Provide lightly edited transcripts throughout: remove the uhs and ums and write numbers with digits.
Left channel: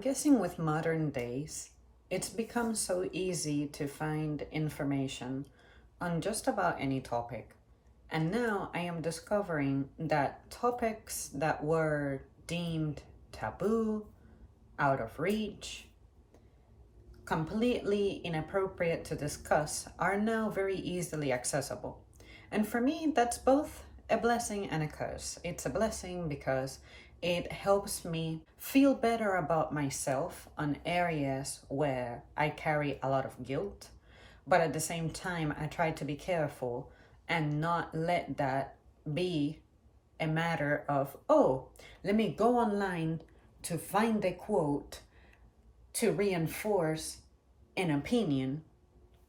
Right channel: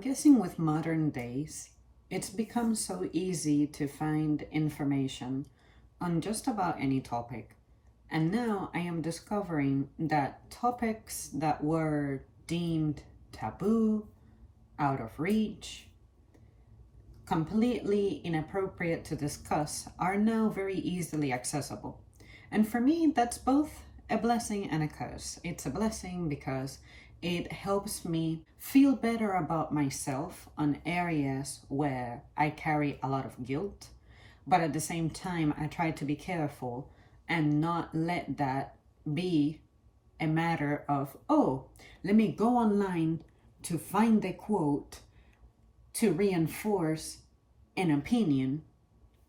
I'm guessing with modern days, it's become so easy to find information on just about any topic. And now I am discovering that topics that were deemed taboo, out of reach, completely inappropriate to discuss are now very easily accessible. And for me, that's both a blessing and a curse. It's a blessing because it helps me feel better about myself on areas where I carry a lot of guilt. But at the same time, I try to be careful and not let that be a matter of, oh, let me go online to find a quote to reinforce an opinion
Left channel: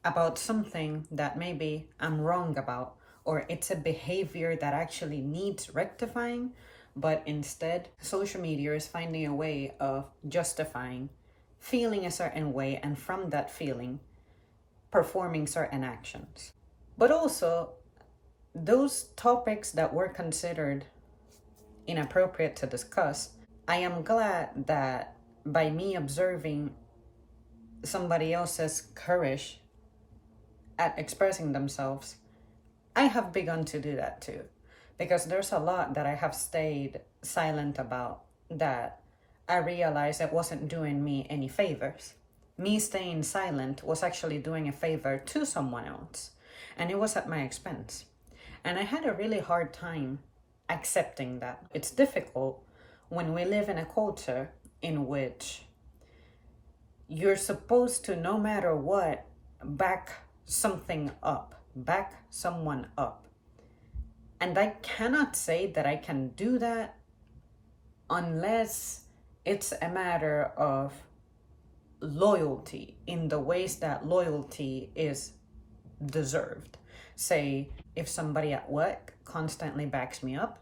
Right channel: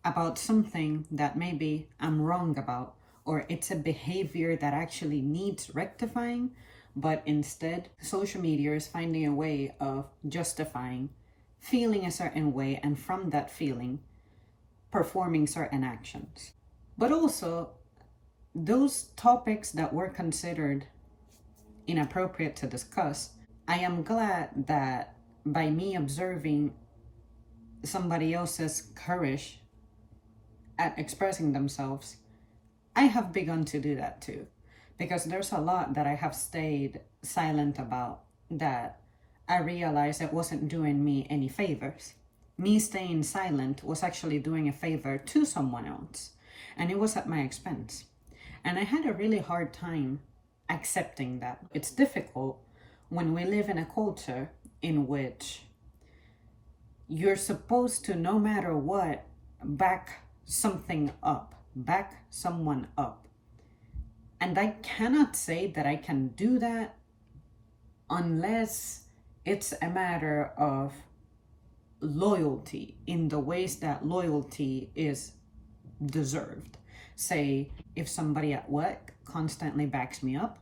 about something that maybe I'm wrong about, or it's a behavior that actually needs rectifying. But instead, social media is finding a way of justifying feeling a certain way, and from that feeling, performing certain actions. But also, those topics that were considered inappropriate to discuss, I am glad that by me observing somebody else's courage at expressing themselves, I have begun to do that too. Because there's a lot that I have stayed silent about that I realized it wasn't doing me any favors. Me staying silent was actually doing a favor to someone else, and it was at my expense. And I had a really hard time accepting that. It's difficult when we live in a culture in which you're supposed to, no matter what, back something up, back someone up. And I cannot say that I can do that unless it's a matter of loyalty in the ways that loyalty is deserved. Say, if somebody at work constantly backs me up,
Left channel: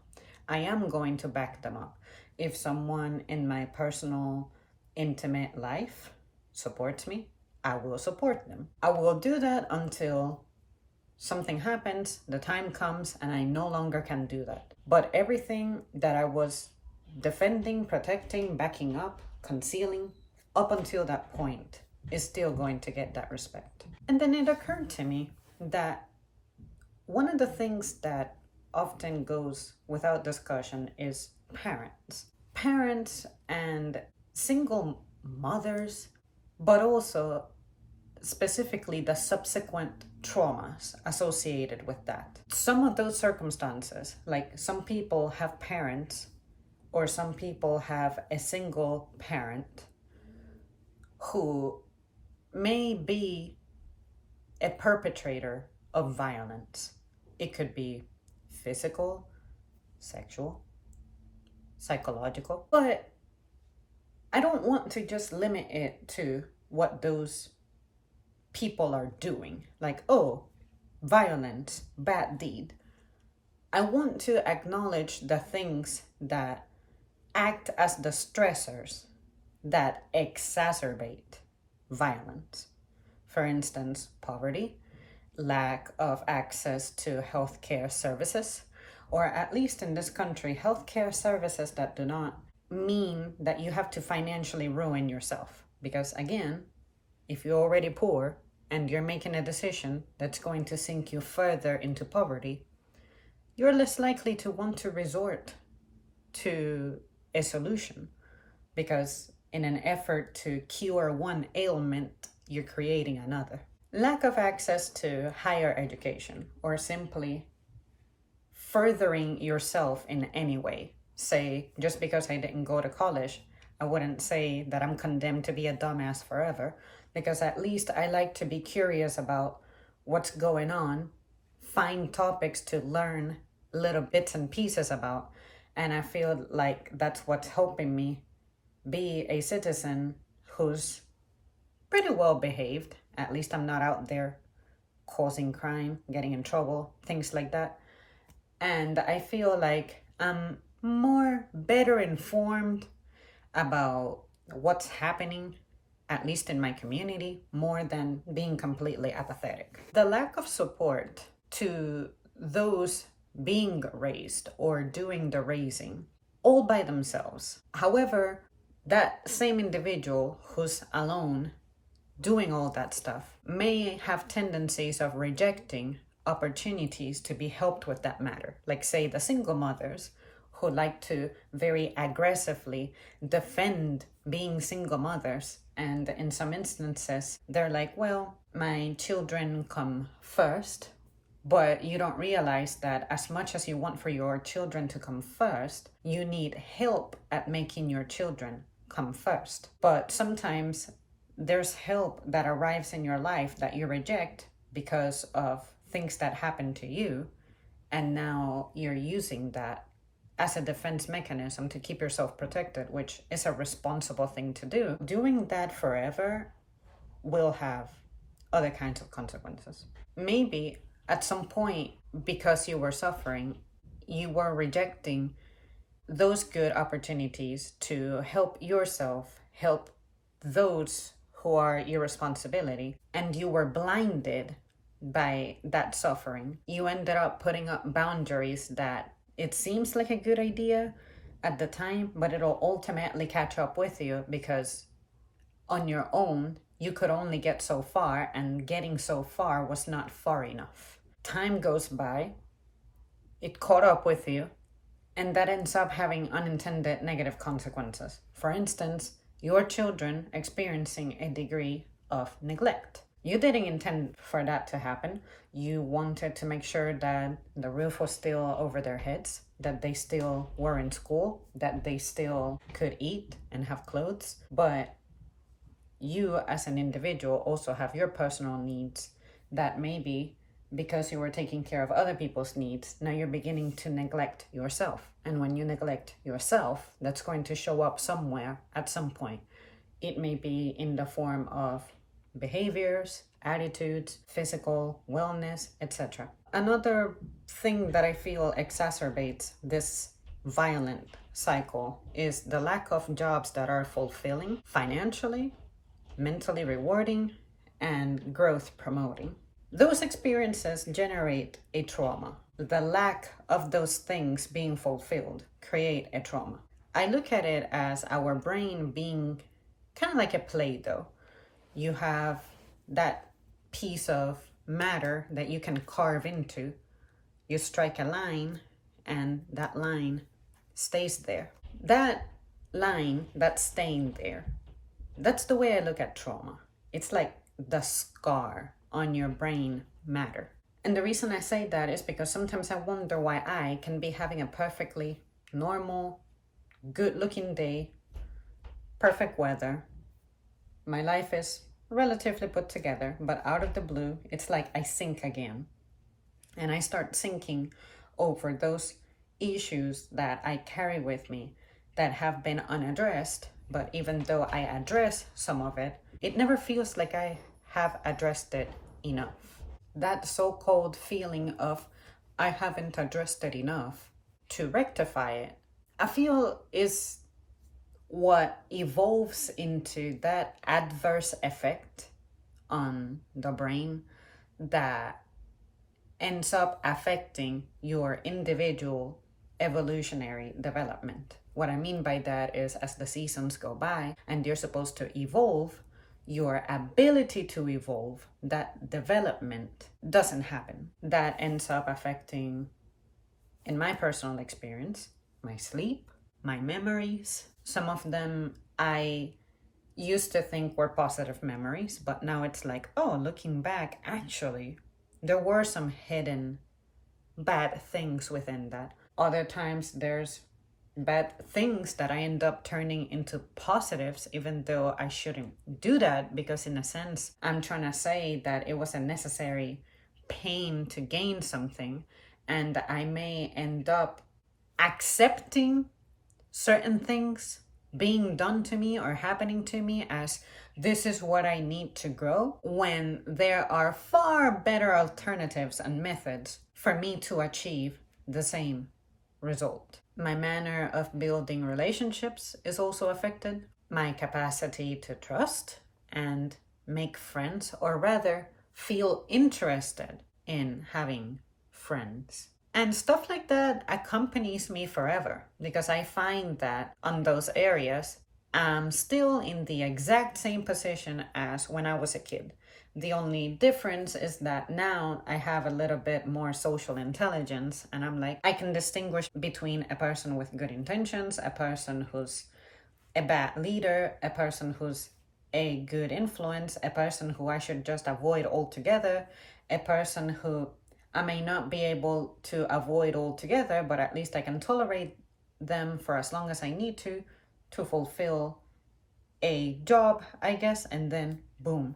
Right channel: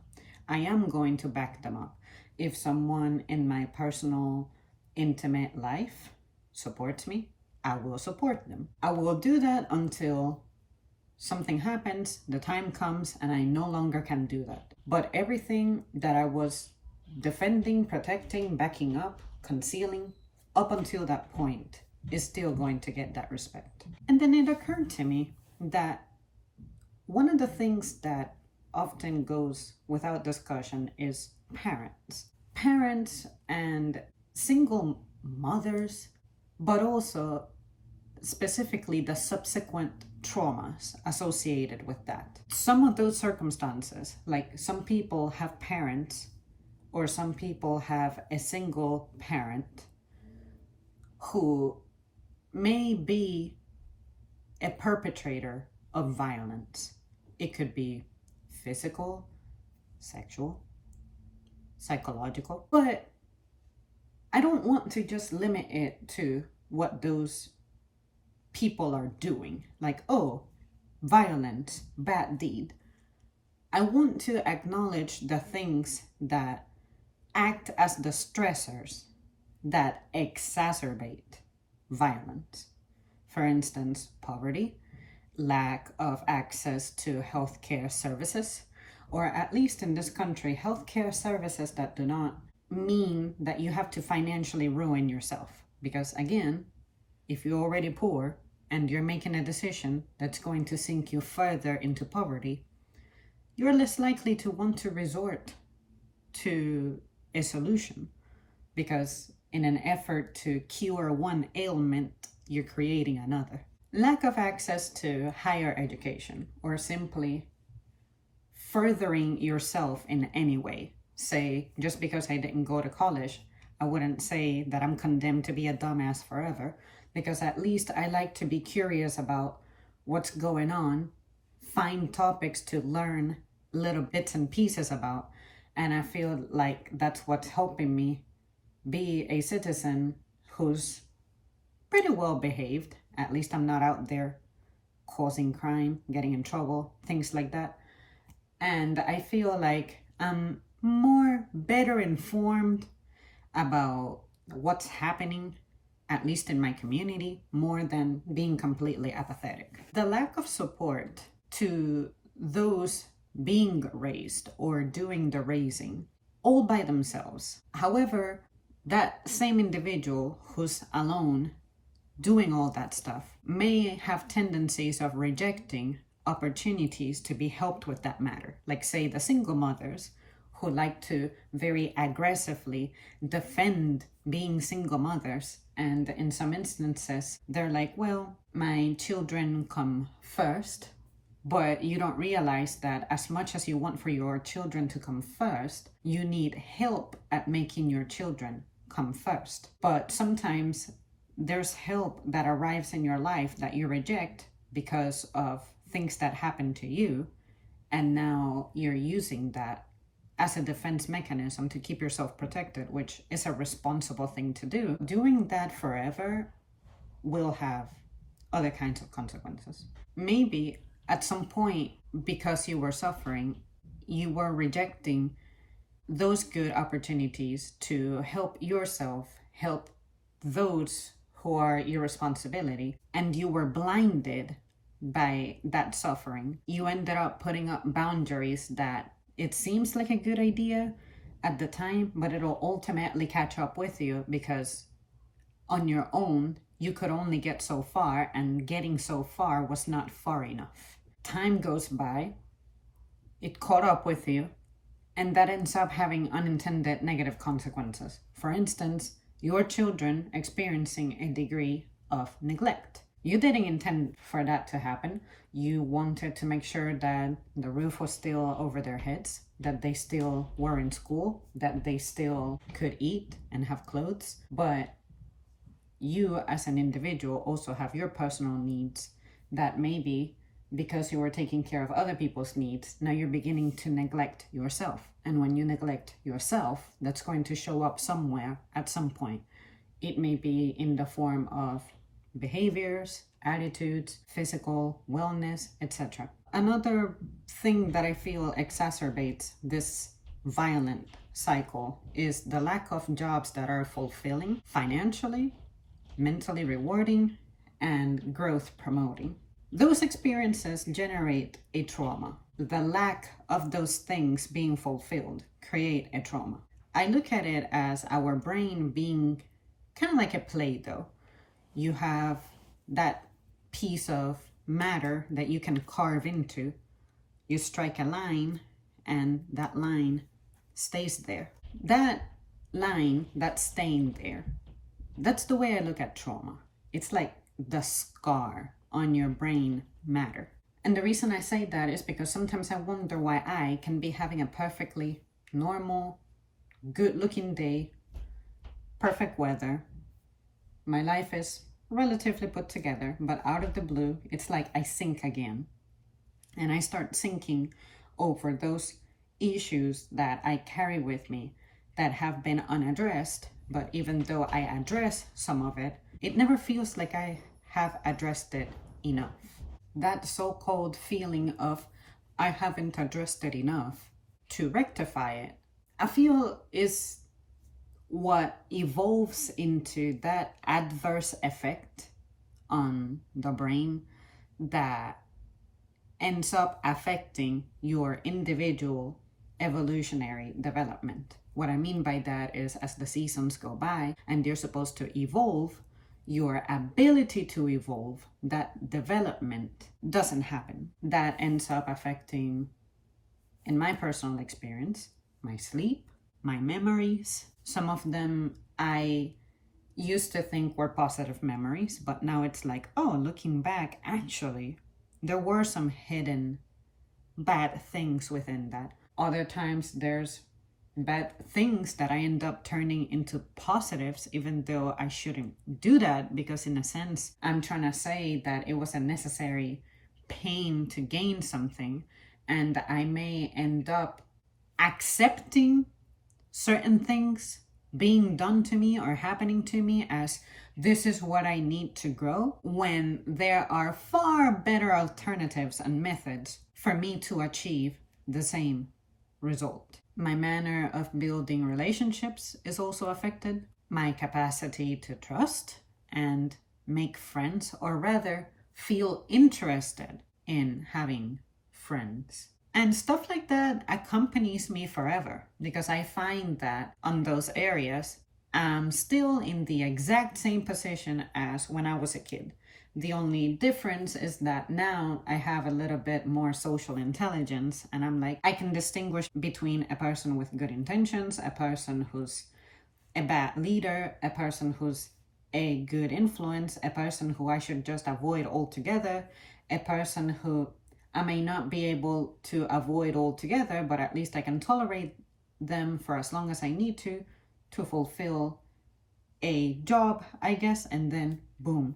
I am going to back them up. If someone in my personal, intimate life supports me, I will support them. I will do that until something happens, the time comes, and I no longer can do that. But everything that I was defending, protecting, backing up, concealing, up until that point, is still going to get that respect. And then it occurred to me that one of the things that often goes without discussion is parents. Parents and single mothers, but also specifically the subsequent traumas associated with that. Some of those circumstances, like some people have parents or some people have a single parent who may be a perpetrator of violence. It could be physical, sexual, psychological, but I don't want to just limit it to what those people are doing, like, oh, violence, bad deed. I want to acknowledge the things that act as the stressors that exacerbate violence. For instance, poverty, lack of access to healthcare services, or at least in this country, healthcare services that do not mean that you have to financially ruin yourself. Because again, if you're already poor and you're making a decision that's going to sink you further into poverty, you're less likely to want to resort to a solution, because in an effort to cure one ailment, you're creating another. Lack of access to higher education, or simply furthering yourself in any way. Say, just because I didn't go to college, I wouldn't say that I'm condemned to be a dumbass forever, because at least I like to be curious about what's going on, find topics to learn little bits and pieces about, and I feel like that's what's helping me be a citizen who's pretty well behaved. At least I'm not out there causing crime, getting in trouble, things like that. And I feel like I'm better informed about what's happening, at least in my community, more than being completely apathetic. The lack of support to those being raised or doing the raising all by themselves. However, that same individual who's alone doing all that stuff may have tendencies of rejecting opportunities to be helped with that matter. Like, say, the single mothers who like to very aggressively defend being single mothers. And in some instances, they're like, well, my children come first. But you don't realize that as much as you want for your children to come first, you need help at making your children come first. But sometimes there's help that arrives in your life that you reject because of things that happen to you. And now you're using that as a defense mechanism to keep yourself protected, which is a responsible thing to do. Doing that forever will have other kinds of consequences. Maybe at some point, because you were suffering, you were rejecting those good opportunities to help yourself, help those who are your responsibility, and you were blinded by that suffering. You ended up putting up boundaries that it seems like a good idea at the time, but it'll ultimately catch up with you because on your own, you could only get so far, and getting so far was not far enough. Time goes by, it caught up with you, and that ends up having unintended negative consequences. For instance, your children experiencing a degree of neglect. You didn't intend for that to happen. You wanted to make sure that the roof was still over their heads, that they still were in school, that they still could eat and have clothes. But you as an individual also have your personal needs that maybe because you were taking care of other people's needs, now you're beginning to neglect yourself. And when you neglect yourself, that's going to show up somewhere at some point. It may be in the form of behaviors, attitudes, physical wellness, etc. Another thing that I feel exacerbates this violent cycle is the lack of jobs that are fulfilling financially, mentally rewarding, and growth promoting. Those experiences generate a trauma. The lack of those things being fulfilled create a trauma. I look at it as our brain being kind of like a Play-Doh. You have that piece of matter that you can carve into. You strike a line and that line stays there. That line that's staying there, that's the way I look at trauma. It's like the scar on your brain matter. And the reason I say that is because sometimes I wonder why I can be having a perfectly normal, good-looking day, perfect weather. My life is relatively put together, but out of the blue, it's like I sink again. And I start sinking over those issues that I carry with me that have been unaddressed. But even though I address some of it, it never feels like I have addressed it enough. That so-called feeling of I haven't addressed it enough to rectify it, I feel is what evolves into that adverse effect on the brain that ends up affecting your individual evolutionary development. What I mean by that is as the seasons go by and you're supposed to evolve, your ability to evolve, that development doesn't happen. That ends up affecting, in my personal experience, my sleep, my memories. Some of them I used to think were positive memories, but now it's like, oh, looking back, actually, there were some hidden bad things within that. Other times there's bad things that I end up turning into positives, even though I shouldn't do that, because in a sense, I'm trying to say that it was a necessary pain to gain something, and I may end up accepting certain things being done to me or happening to me as this is what I need to grow, when there are far better alternatives and methods for me to achieve the same result. My manner of building relationships is also affected. My capacity to trust and make friends, or rather feel interested in having friends. And stuff like that accompanies me forever, because I find that on those areas, I'm still in the exact same position as when I was a kid. The only difference is that now I have a little bit more social intelligence, and I'm like, I can distinguish between a person with good intentions, a person who's a bad leader, a person who's a good influence, a person who I should just avoid altogether, a person who I may not be able to avoid altogether, but at least I can tolerate them for as long as I need to fulfill a job, I guess, and then boom,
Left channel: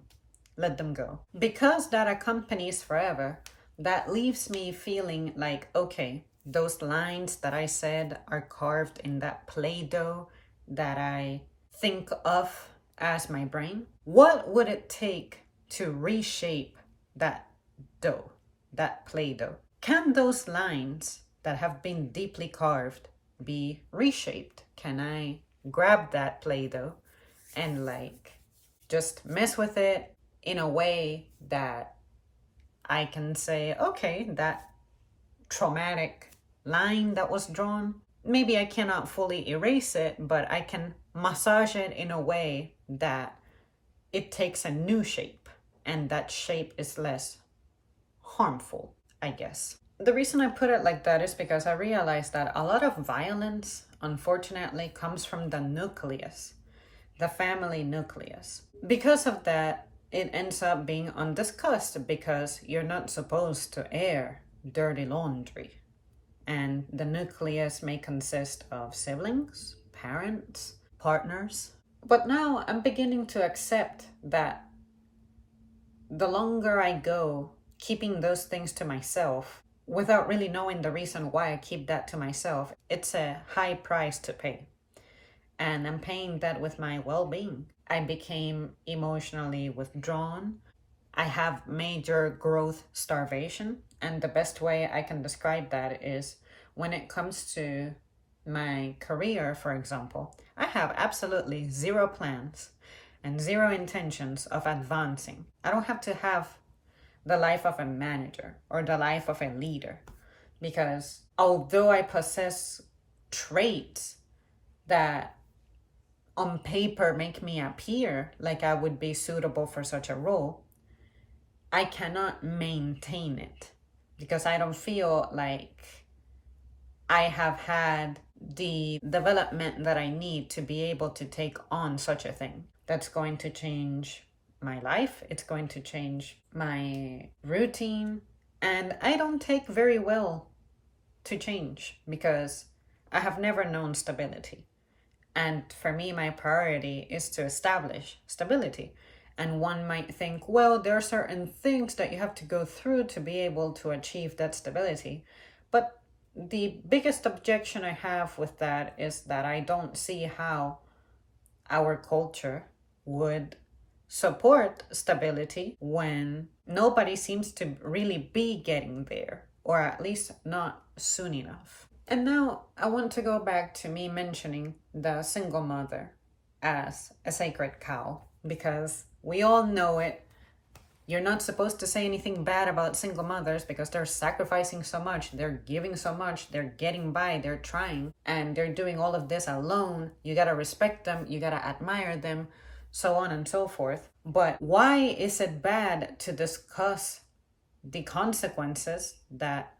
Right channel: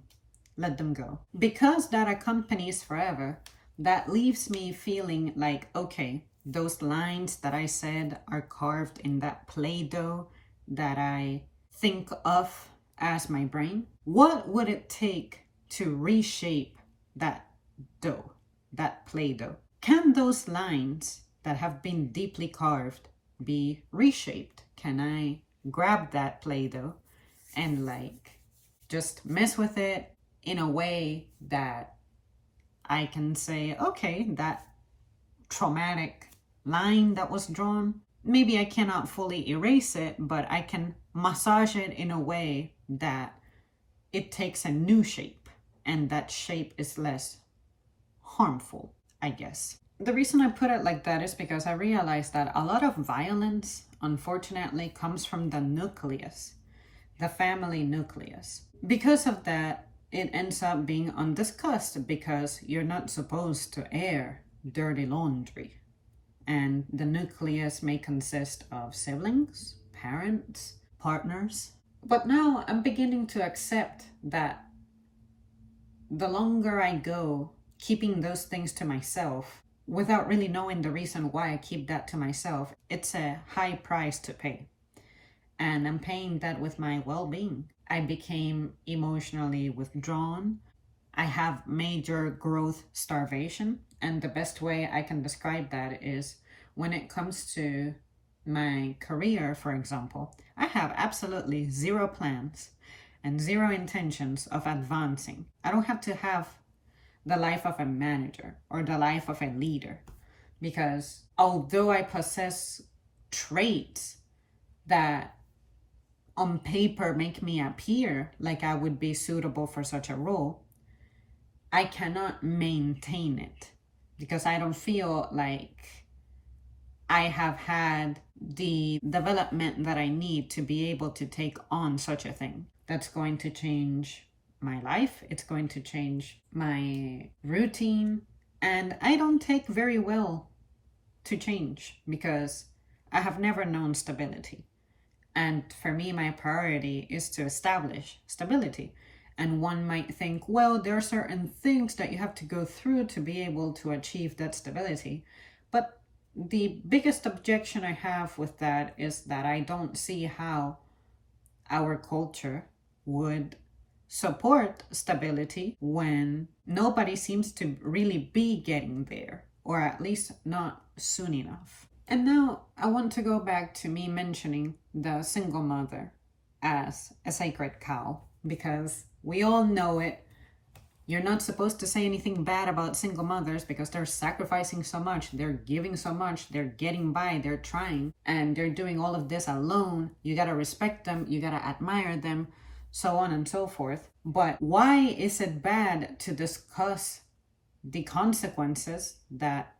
let them go. Because that accompanies forever, that leaves me feeling like, okay, those lines that I said are carved in that Play-Doh that I think of as my brain. What would it take to reshape that dough, that Play-Doh? Can those lines that have been deeply carved be reshaped? Can I grab that Play-Doh and like just mess with it in a way that I can say, okay, that traumatic line that was drawn, maybe I cannot fully erase it, but I can massage it in a way that it takes a new shape, and that shape is less harmful, I guess. The reason I put it like that is because I realized that a lot of violence, unfortunately, comes from the nucleus, the family nucleus. Because of that, it ends up being undiscussed because you're not supposed to air dirty laundry. And the nucleus may consist of siblings, parents, partners. But now I'm beginning to accept that the longer I go keeping those things to myself, without really knowing the reason why I keep that to myself, it's a high price to pay. And I'm paying that with my well-being. I became emotionally withdrawn. I have major growth starvation. And the best way I can describe that is when it comes to my career, for example, I have absolutely zero plans and zero intentions of advancing. I don't have to have the life of a manager or the life of a leader, because although I possess traits that on paper make me appear like I would be suitable for such a role, I cannot maintain it because I don't feel like I have had the development that I need to be able to take on such a thing. That's going to change my life. It's going to change my routine. And I don't take very well to change because I have never known stability. And for me, my priority is to establish stability. And one might think, well, there are certain things that you have to go through to be able to achieve that stability. But the biggest objection I have with that is that I don't see how our culture would support stability when nobody seems to really be getting there, or at least not soon enough. And now I want to go back to me mentioning the single mother as a sacred cow, because we all know it. You're not supposed to say anything bad about single mothers because they're sacrificing so much, they're giving so much, they're getting by, they're trying, and they're doing all of this alone. You gotta respect them, you gotta admire them, so on and so forth. But why is it bad to discuss the consequences that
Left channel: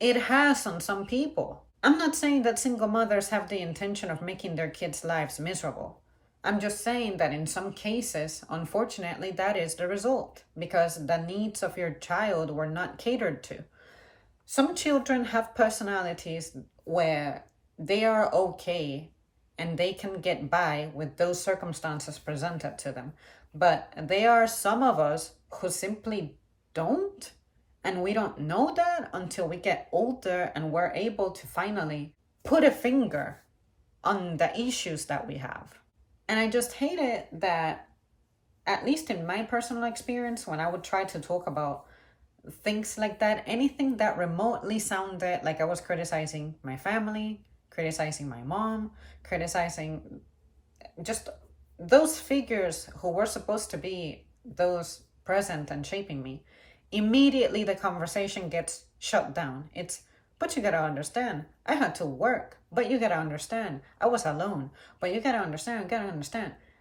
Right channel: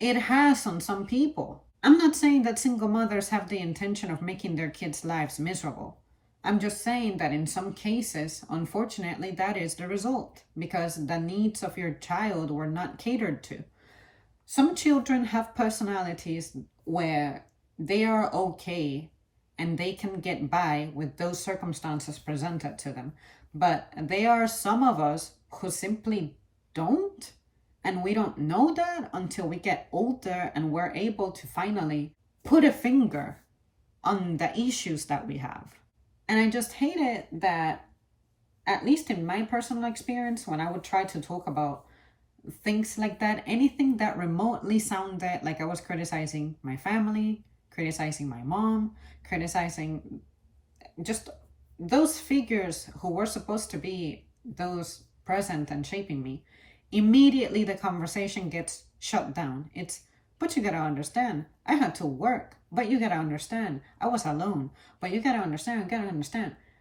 it has on some people? I'm not saying that single mothers have the intention of making their kids' lives miserable. I'm just saying that in some cases, unfortunately, that is the result because the needs of your child were not catered to. Some children have personalities where they are okay and they can get by with those circumstances presented to them. But there are some of us who simply don't. And we don't know that until we get older and we're able to finally put a finger on the issues that we have. And I just hate it that, at least in my personal experience, when I would try to talk about things like that, anything that remotely sounded like I was criticizing my family, criticizing my mom, criticizing just those figures who were supposed to be those present and shaping me, immediately the conversation gets shut down. But you gotta understand, I had to work But you gotta understand, I was alone. But you gotta understand.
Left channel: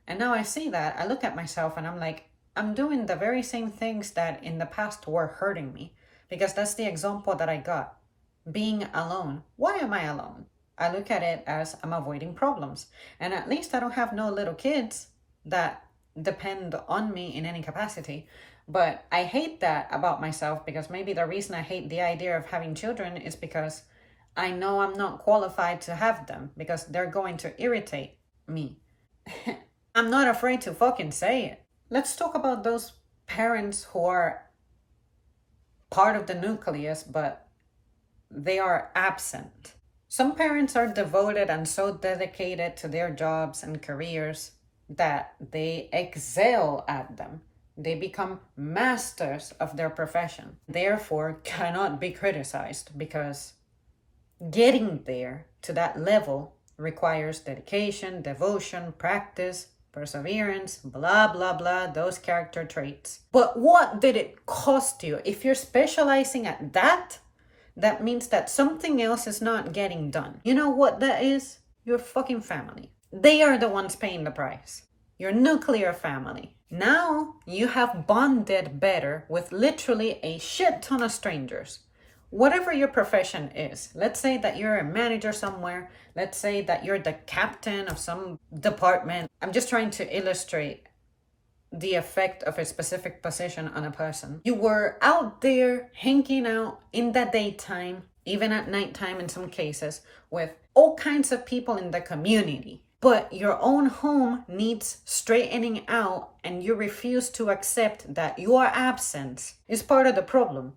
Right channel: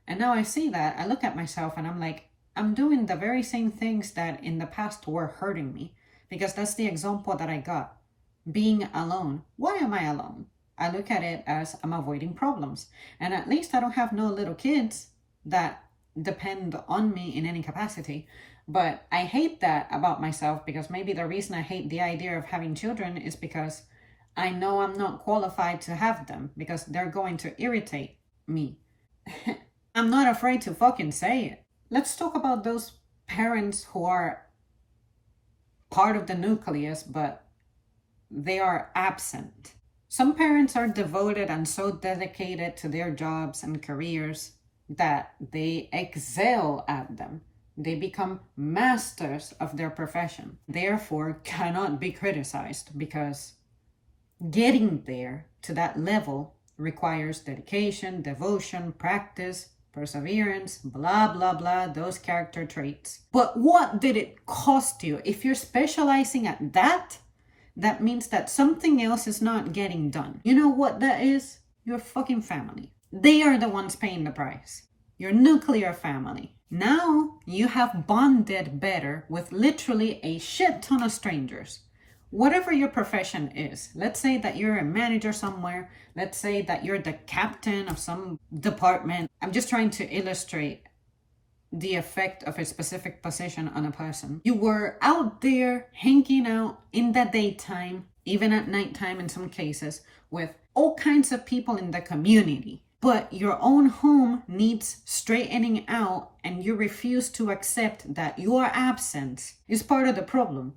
And now I see that, I look at myself and I'm like, I'm doing the very same things that in the past were hurting me. Because that's the example that I got. Being alone. Why am I alone? I look at it as I'm avoiding problems. And at least I don't have no little kids that depend on me in any capacity. But I hate that about myself, because maybe the reason I hate the idea of having children is because I know I'm not qualified to have them, because they're going to irritate me. I'm not afraid to fucking say it. Let's talk about those parents who are part of the nucleus, but they are absent. Some parents are devoted and so dedicated to their jobs and careers that they excel at them. They become masters of their profession, therefore cannot be criticized, because getting there to that level requires dedication, devotion, practice, perseverance, blah, blah, blah, those character traits. But what did it cost you? If you're specializing at that, that means that something else is not getting done. You know what that is? Your fucking family. They are the ones paying the price. Your nuclear family. Now you have bonded better with literally a shit ton of strangers. Whatever your profession is, let's say that you're a manager somewhere, let's say that you're the captain of some department. I'm just trying to illustrate the effect of a specific position on a person. You were out there hanging out in the daytime, even at nighttime in some cases, with all kinds of people in the community. But your own home needs straightening out, and you refuse to accept that your absence is part of the problem,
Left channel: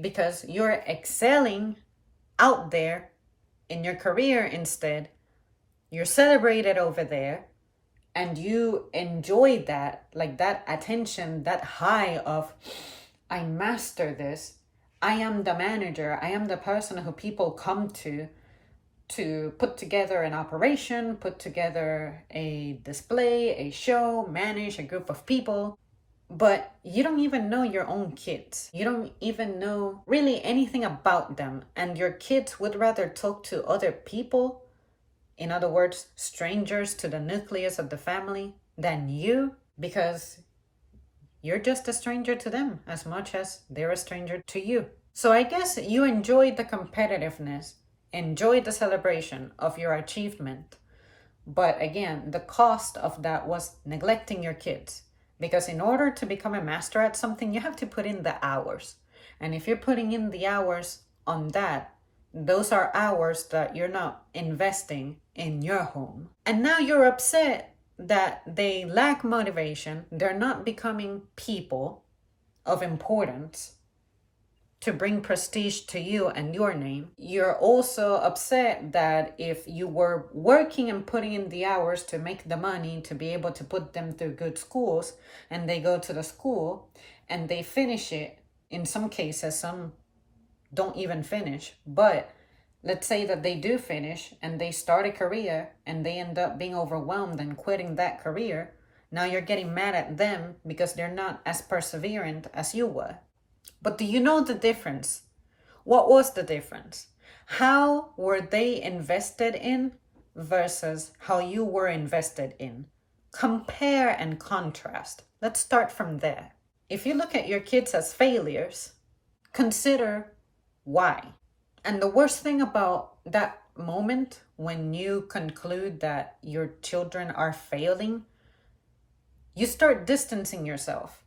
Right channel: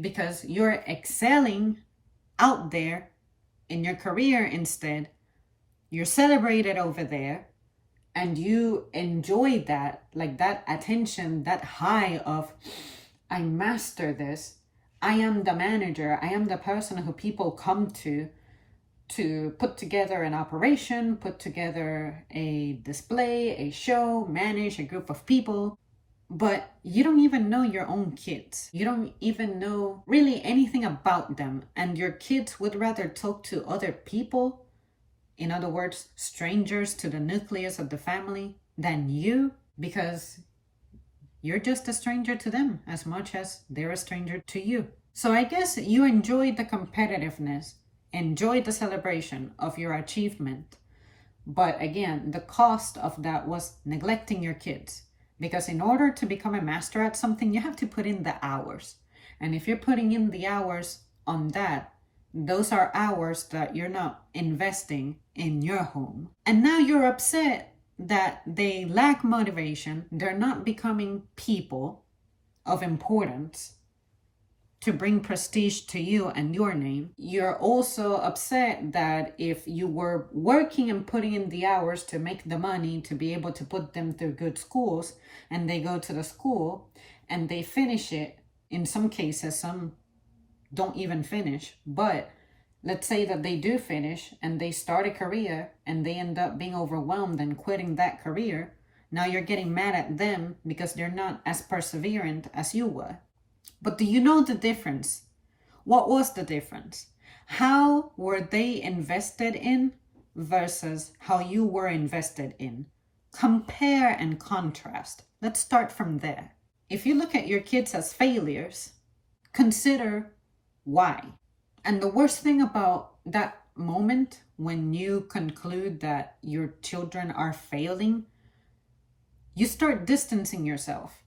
because you're excelling out there in your career instead. You're celebrated over there, and you enjoy that, like that attention, that high of, I master this. I am the manager. I am the person who people come to put together an operation, put together a display, a show, manage a group of people. But you don't even know your own kids. You don't even know really anything about them. And your kids would rather talk to other people, in other words, strangers to the nucleus of the family, than you, because you're just a stranger to them as much as they're a stranger to you. So I guess you enjoy the competitiveness, enjoy the celebration of your achievement. But again, the cost of that was neglecting your kids. Because in order to become a master at something, you have to put in the hours. And if you're putting in the hours on that, those are hours that you're not investing in your home. And now you're upset that they lack motivation. They're not becoming people of importance to bring prestige to you and your name. You're also upset that if you were working and putting in the hours to make the money to be able to put them through good schools, and they go to the school and they finish it, in some cases, some don't even finish, but let's say that they do finish and they start a career and they end up being overwhelmed and quitting that career. Now you're getting mad at them because they're not as perseverant as you were. But do you know the difference? What was the difference? How were they invested in versus how you were invested in? Compare and contrast. Let's start from there. If you look at your kids as failures, consider why. And the worst thing about that moment when you conclude that your children are failing, you start distancing yourself.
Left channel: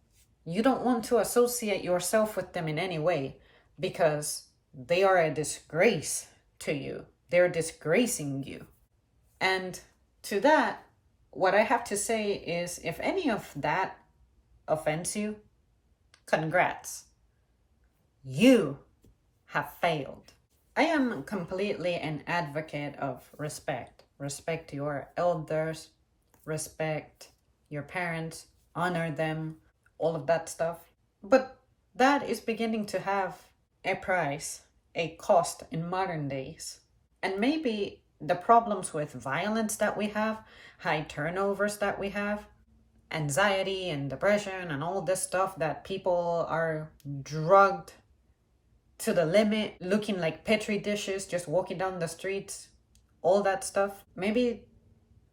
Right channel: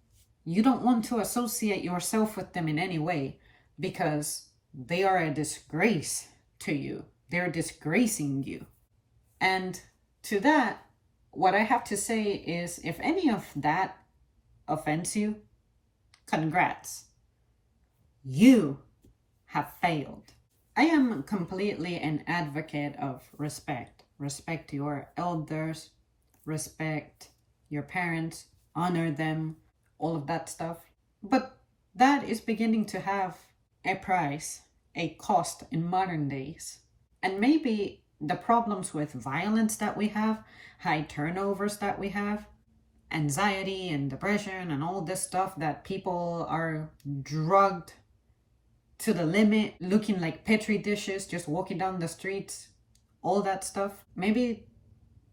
You don't want to associate yourself with them in any way, because they are a disgrace to you. They're disgracing you. And to that, what I have to say is, if any of that offends you, congrats. You have failed. I am completely an advocate of respect. Respect your elders, respect your parents, honor them, all of that stuff. But that is beginning to have a price, a cost in modern days. And maybe the problems with violence that we have, high turnovers that we have, anxiety and depression and all this stuff that people are drugged to the limit, looking like petri dishes, just walking down the streets, all that stuff, maybe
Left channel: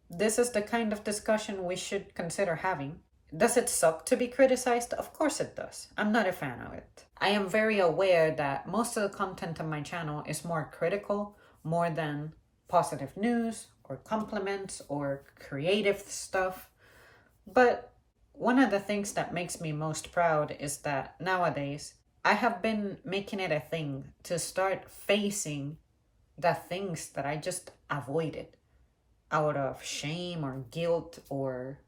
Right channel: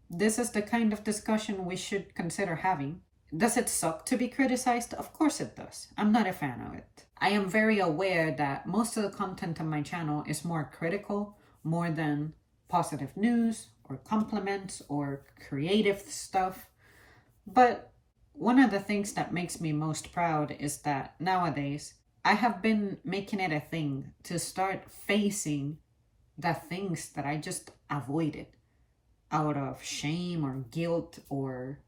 this is the kind of discussion we should consider having. Does it suck to be criticized? Of course it does. I'm not a fan of it. I am very aware that most of the content on my channel is more critical, more than positive news or compliments or creative stuff. But one of the things that makes me most proud is that nowadays I have been making it a thing to start facing the things that I just avoided out of shame or guilt or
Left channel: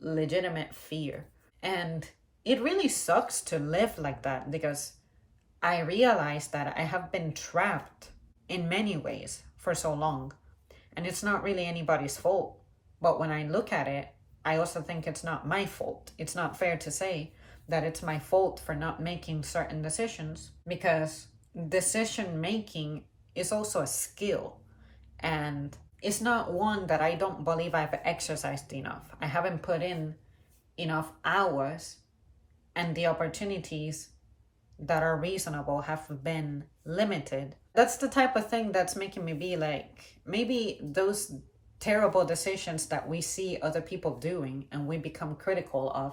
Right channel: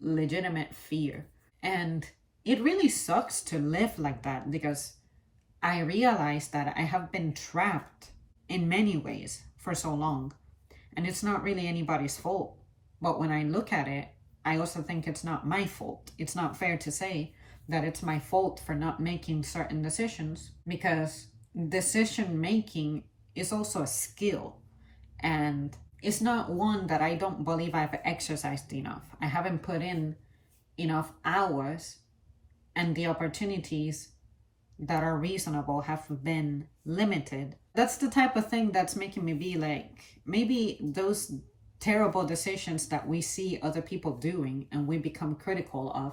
legitimate fear. And it really sucks to live like that, because I realize that I have been trapped in many ways for so long, and it's not really anybody's fault. But when I look at it, I also think it's not my fault. It's not fair to say that it's my fault for not making certain decisions, because decision making is also a skill, and it's not one that I don't believe I've exercised enough. I haven't put in enough hours, and the opportunities that are reasonable have been limited. That's the type of thing that's making me be like, maybe those terrible decisions that we see other people doing and we become critical of,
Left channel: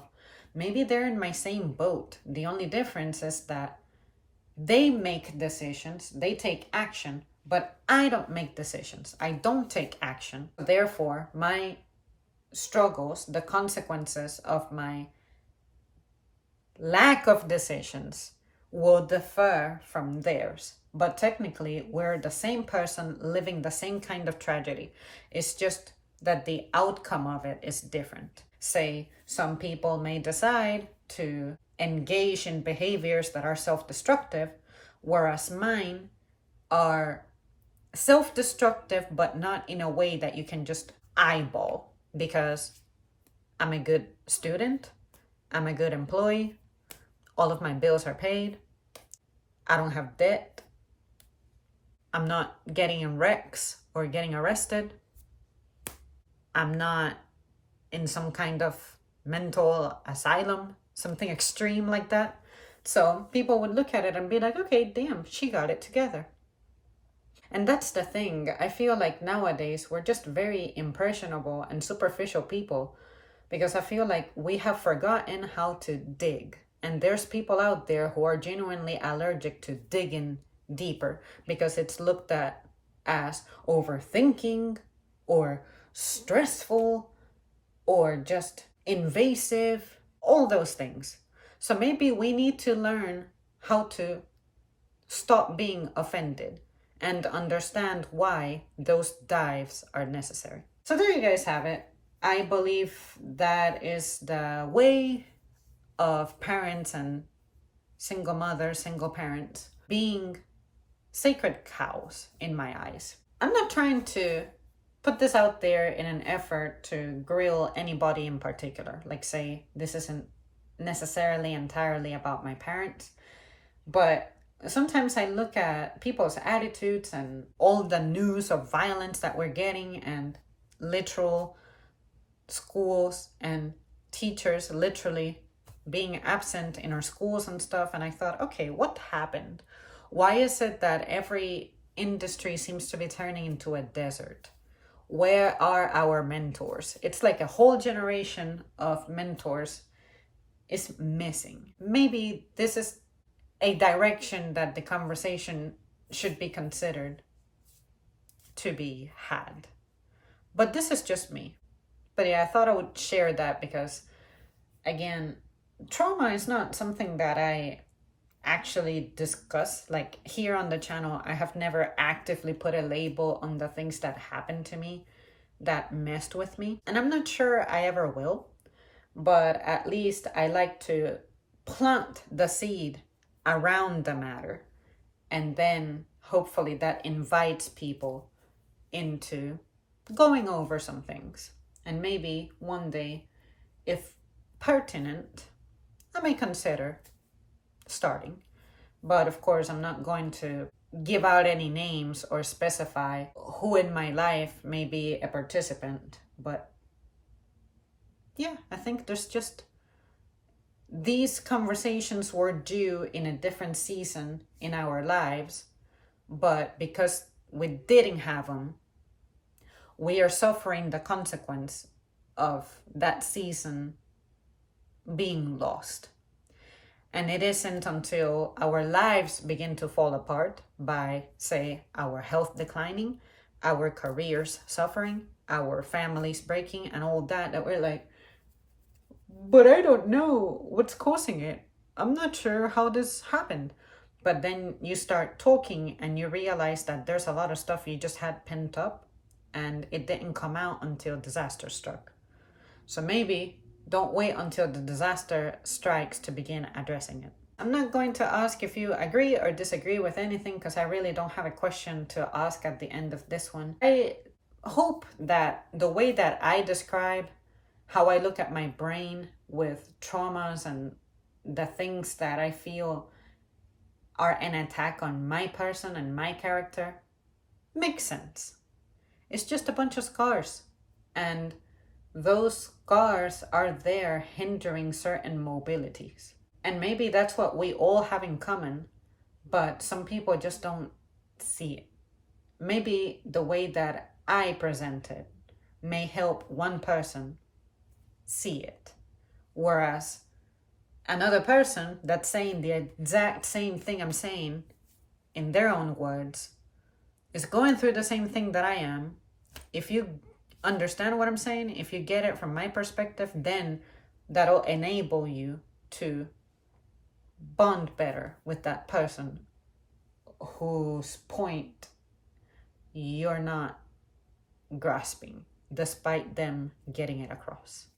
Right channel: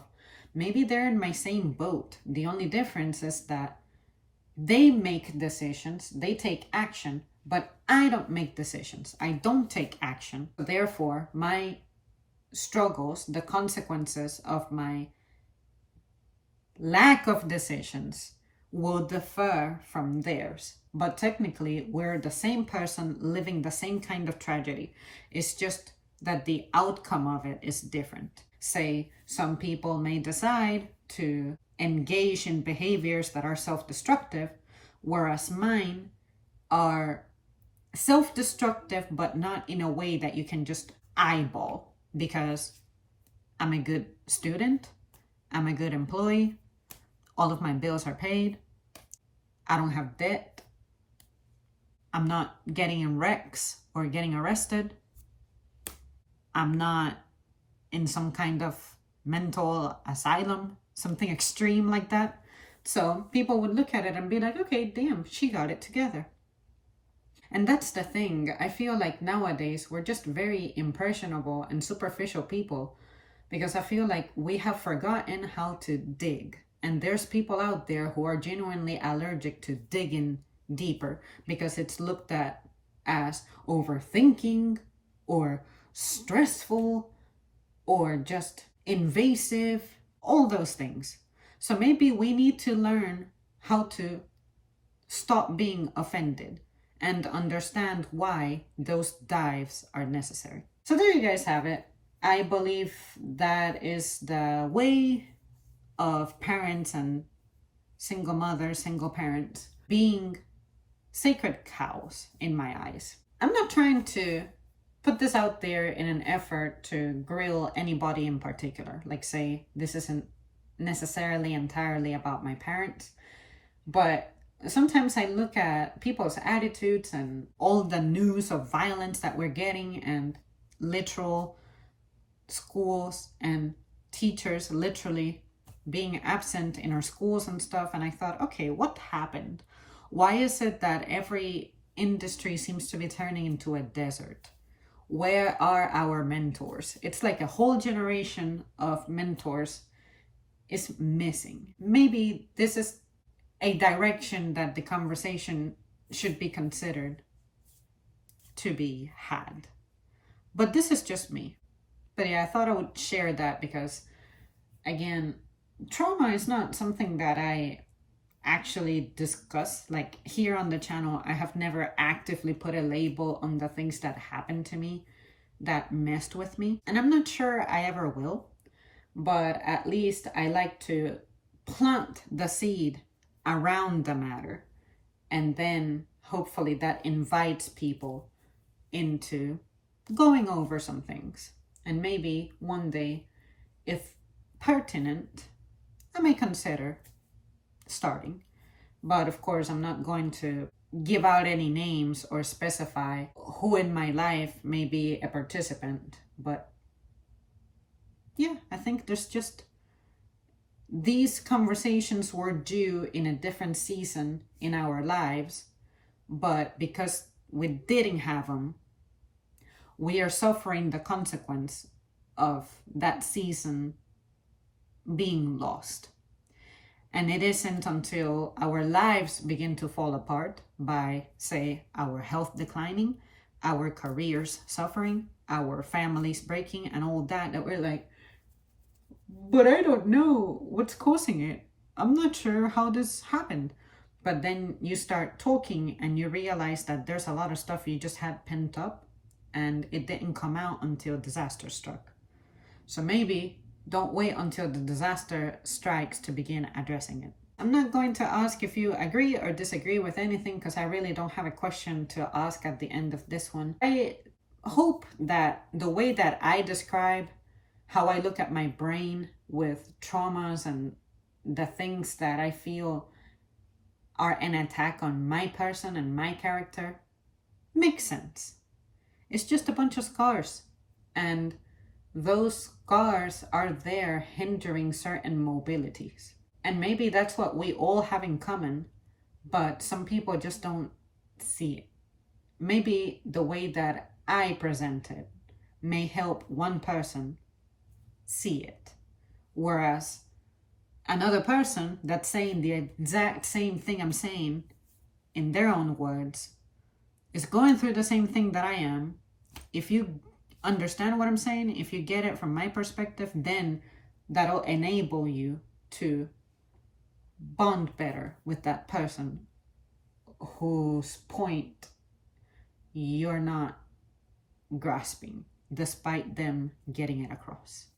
maybe they're in my same boat. The only difference is that they make decisions, they take action, but I don't make decisions. I don't take action. Therefore, my struggles, the consequences of my lack of decisions will differ from theirs. But technically, we're the same person living the same kind of tragedy. It's just that the outcome of it is different. Say, some people may decide to engage in behaviors that are self-destructive, whereas mine are self-destructive, but not in a way that you can just eyeball, because I'm a good student, I'm a good employee, all of my bills are paid, I don't have debt, I'm not getting in wrecks or getting arrested, I'm not in some kind of mental asylum, something extreme like that. So people would look at it and be like, okay, damn, she got it together. And that's the thing. I feel like nowadays we're just very impressionable and superficial people, because I feel like we have forgotten how to dig. And there's people out there who are genuinely allergic to digging deeper, because it's looked at as overthinking or stressful or just invasive, all those things. So maybe we need to learn how to stop being offended and understand why those dives are necessary. So there you guys have it. I believe that is the way of parents and single mothers, single parents being sacred cows in my eyes. I'm not trying to put this out there in an effort to grill anybody in particular. Like, say, this isn't necessarily entirely about my parents, but sometimes I look at people's attitudes and all the news of violence that we're getting, and literal schools and teachers literally being absent in our schools and stuff. And I thought, okay, what happened? Why is it that every industry seems to be turning into a desert? Where are our mentors? It's like a whole generation of mentors is missing. Maybe this is a direction that the conversation should be considered to be had. But this is just me. But yeah, I thought I would share that because, again, trauma is not something that I actually discuss. Like, here on the channel, I have never actively put a label on the things that happened to me that messed with me. And I'm not sure I ever will. But at least I like to plant the seed around the matter, and then hopefully that invites people into going over some things, and maybe one day, if pertinent, I may consider starting. But of course, I'm not going to give out any names or specify who in my life may be a participant. But yeah, I think there's just, these conversations were due in a different season in our lives, but because we didn't have them, we are suffering the consequence of that season being lost. And it isn't until our lives begin to fall apart by, say, our health declining, our careers suffering, our families breaking, and all that, that we're like, but I don't know what's causing it. I'm not sure how this happened. But then you start talking and you realize that there's a lot of stuff you just had pent up and it didn't come out until disaster struck. So maybe don't wait until the disaster strikes to begin addressing it. I'm not going to ask if you agree or disagree with anything because I really don't have a question to ask at the end of this one. I hope that the way that I describe how I look at my brain with traumas and the things that I feel are an attack on my person and my character makes sense. It's just a bunch of scars. And those scars are there hindering certain mobilities. And maybe that's what we all have in common, but some people just don't see it. Maybe the way that I present it may help one person see it, whereas another person that's saying the exact same thing I'm saying in their own words is going through the same thing that I am. If you understand what I'm saying, if you get it from my perspective, then that'll enable you to bond better with that person whose point you're not grasping, despite them getting it across.